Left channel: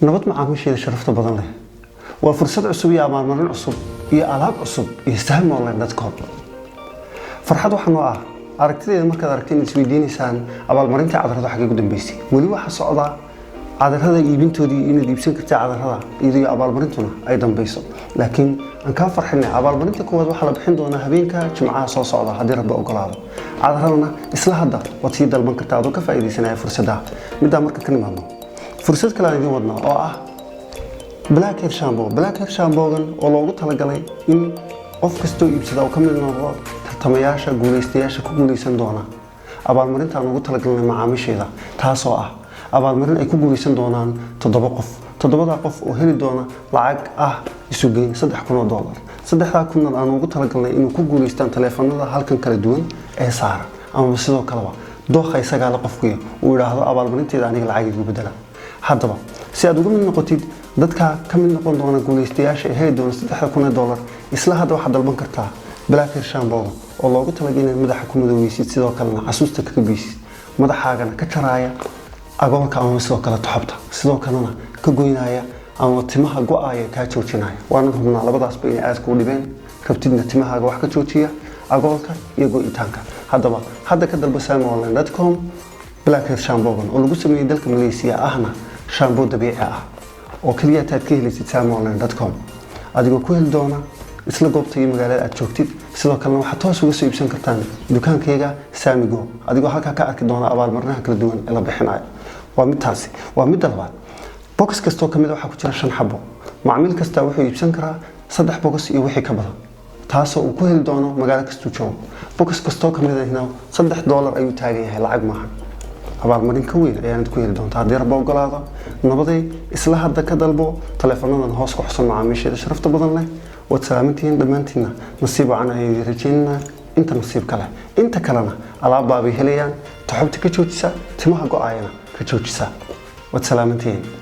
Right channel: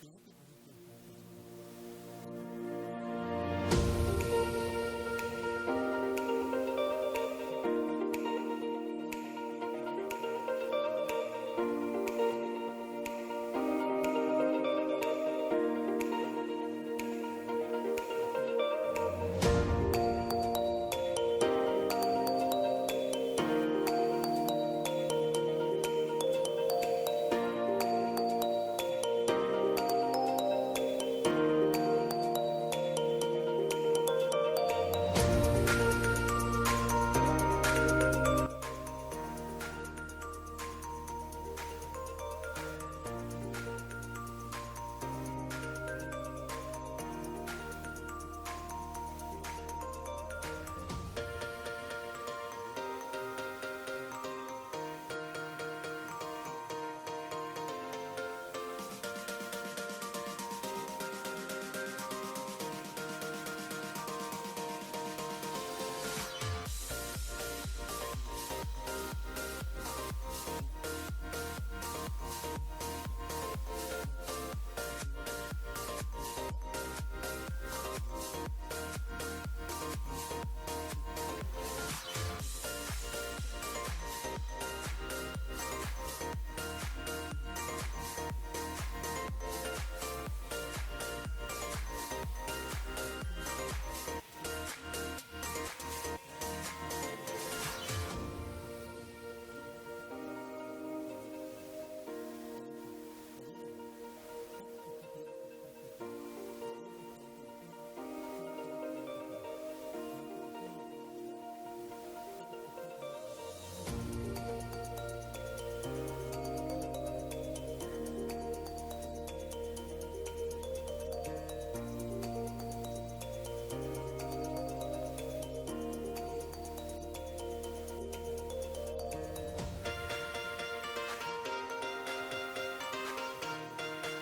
nabad macaamiisheeda sharafta badan leh waa fursad cusub iyo abaalmarin cusub iyo alaab cusub iyo saham online.com farxad waxaan oo ah aragtideeda markaad aragteen isweydiinaysaan abaalmarinta cadarada xagee ugu dambeysay wali waxa socda cadarada iibintoodii inaad iibsan kartaa cadarada iyo abaalmarintuna ay dambayso laakiin aan ka farxinay abaalmarinta koowaad waxa la bixin doonaa habeenka jimcaha soo socda haddii rabbi ogolaado cadaradana isla hadda waad sii dalban kartaa adoo ka faa'iideysanaya fursadda midda marka ka nimaadno fursad kale aan idin wadnaa oo ah Blackhead shampoo-gan oo loogu talagalay in qof kastoo iibsada oo ka mid noqdo tartamayaasha guuleystayaasha ku guuleysan doona abaalmarinta aan ugu talagalnay macaamiisheeda taasoo ah abaalmarin ay ku guuleysan doonaan 7 qof 7 qof oo heli doona lacag ah isu geyn $3,000 $3,000 aan ugu talagalnay inuu ku guuleystaan taleefanada halkan kala duwan ee saara ama sidoo kaleba dooqa isaga la qofkii uu yiraahdo abaalmarinteeda aniga lacag igu bedela haddaba si aad ugu mid noqotid dadka ka mid noqon doona guuleystayaasha ee heli doona $3,000 isla hadda waxaad dalban kartaa Blackhead shampoo oo loogu talagalay in madaxa ku madoweysid sidoo kalena xasuusta ka geysid madaxaagana ka jaraya agoolka ama sidoo kale toxobta sidoo kalena ka goynaya ama timaha go'aya ka joojinaya waana hubnaa labadaasba inay aad ku dhibeen rabtidna timahaaga wax ka joojiya agoolka iyo go'itaanka haddaba hadda ka dalba online.com Blackhead shampoo oo lagu sameeyay dalka Malaysia ahna shampoo dabiici ah oo kaliya aad ka helaysid online.com adigoo ku heli doona isla goobta iyo magaalada aad joogtid sidoo kalena waxaad toos uga soo iibsan kartaan dukaankayga Samigo adigoo halka ka arki doona abaalmarinaha kala duwan ee la bixinayo waa mid labaad box kasto kamid waxa ku jira 5 xabo macaamiil kasta wuxuu iibsan karaa 3 box iyo wixii ka badan taasoo uu ku heli doono magaalo kasta joogo box kasto kamid ahna $3 ayuu taagan yahay lacag maaha abaalmarin ka weyn ayaad ku heli doontaa haddii rabbi ogolaado nabaday isla hadda ka dalbo taleefanadan hoos ku xusan macaamiisheeda sharafta badan leh waad salaamantihiin dhammaantiinna nasiib wacan ayay rajaynaa inta nasiib kale inta kalena alaab baabay helayaan toxobta ka joojisa timaha go'ayana ka joojisa waad salaamantihiin